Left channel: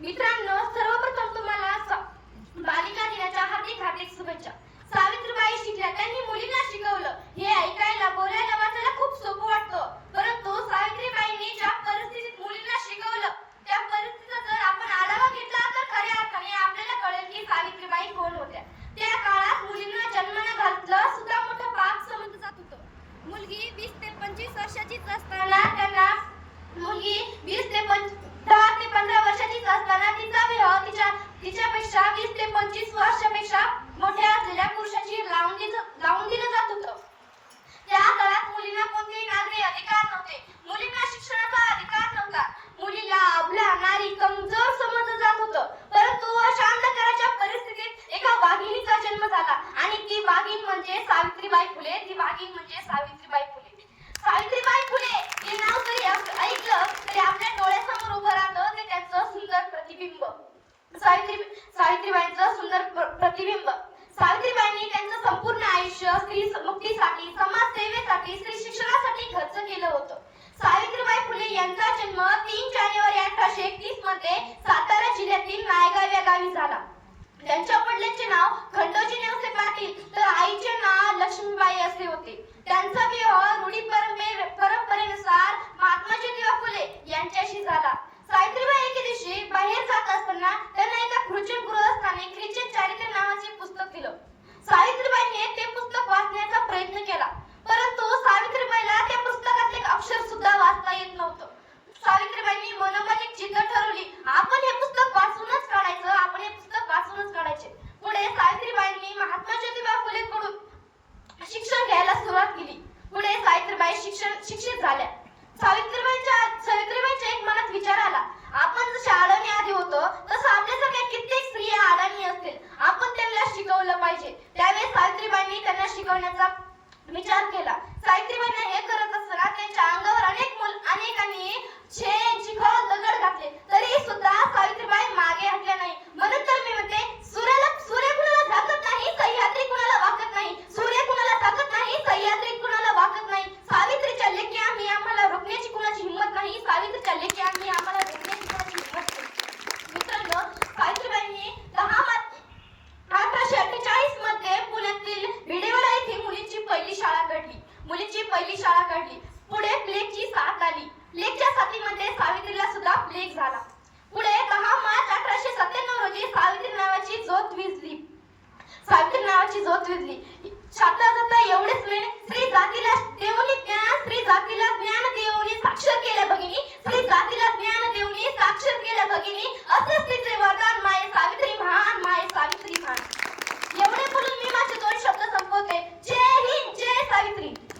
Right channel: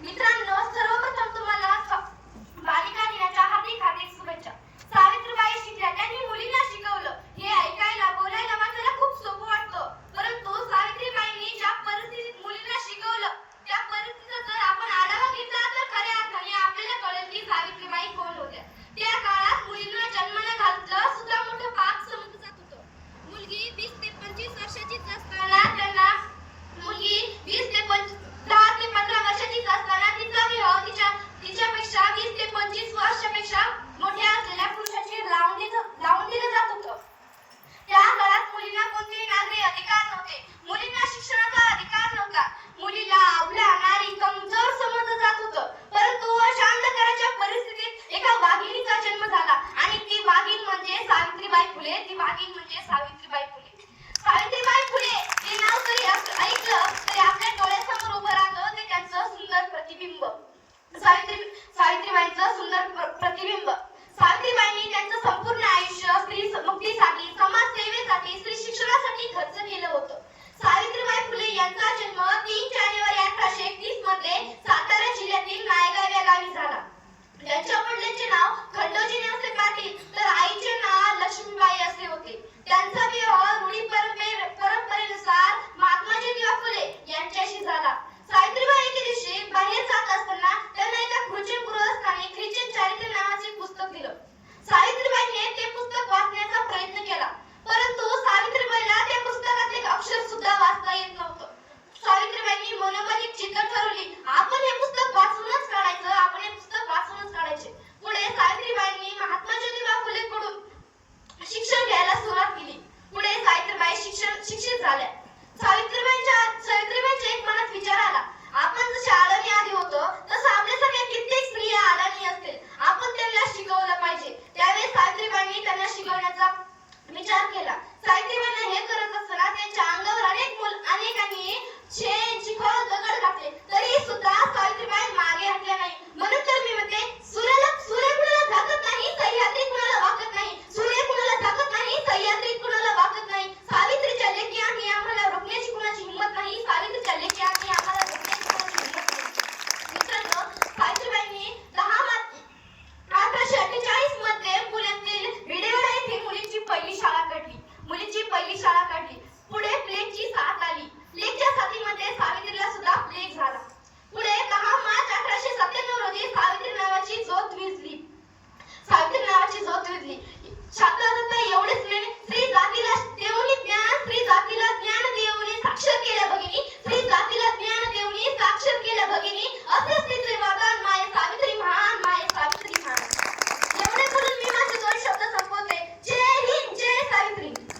मित्रांनो सर्वप्रथम तुम्हाला बालिका दिनाच्या हार्दिक हार्दिक शुभेच्छा. सावित्रीबाई शिकल्या त्यांनी मुलींना शिकवलं. हे ऐकायला बोलायला वाचायला खूप सोपं वाटतं. परंतु सावित्रीबाईंनी ज्या परिस्थितीत मुलींना शिकवलं त्या परिस्थितीचा जर आपण आढावा घेतला तर खऱ्या अर्थाने आपल्याला कळेल की सावित्रीबाई कोण होत्या. त्या काळात मुलींना जन्माला घातलं सुद्धा मोठं पाप समजलं जात होतं. मुलगी वीस ते पंचवीस वर्षाचीच असताना त्यांना मुलगी वीस ते पंच दहा ते पंधरा वर्षाचीच असताना तिचा विवाह तिच्या तिच्यापेक्षा वीस ते पंचवीस वर्षापेक्षा मोठ्या असलेल्या पुरुषाची लावून दिलं लावून दिलं जात होतं. त्या काळात मुलींना कोणतेही नागरी अधिकार नव्हते. मुलींना शिक्षणाचा अधिकार नव्हता. मुलीला आपल्या नारी कमजोर समजलं जात होतं. परंतु अशा अंधकाराच्या परिस्थितीत एका वाघिणीचा जन्म झाला. आणि ती वाघीण म्हणजे सावित्रीबाई फुले. ती वाघीण म्हणजे सावित्रीबाई फुले सावित्रीबाई फुले हे नाव जरी आप- ऐकलं तरी आपल्या डोळ्यासमोर उभं राहतं ते त्यांचं सुंदर प्रतिबिंब सावित्री सावित्रीबाईंचं सुंदर प्रतिबिंब. सावित्रीबाईंनी त्यांचं संपूर्ण आयुष्य स्त्री मुक्तीसाठी समाज सेवेसाठी स्त्री शिक्षणासाठी खर्च केलं होतं. सावित्रीबाई फुले यांचा जन्म तीन जानेवारी अठराशे एकतीसमध्ये सातारा जिल्ह्यातील नायगाव या गावी झाला. त्यांच्या वडिलांचे नाव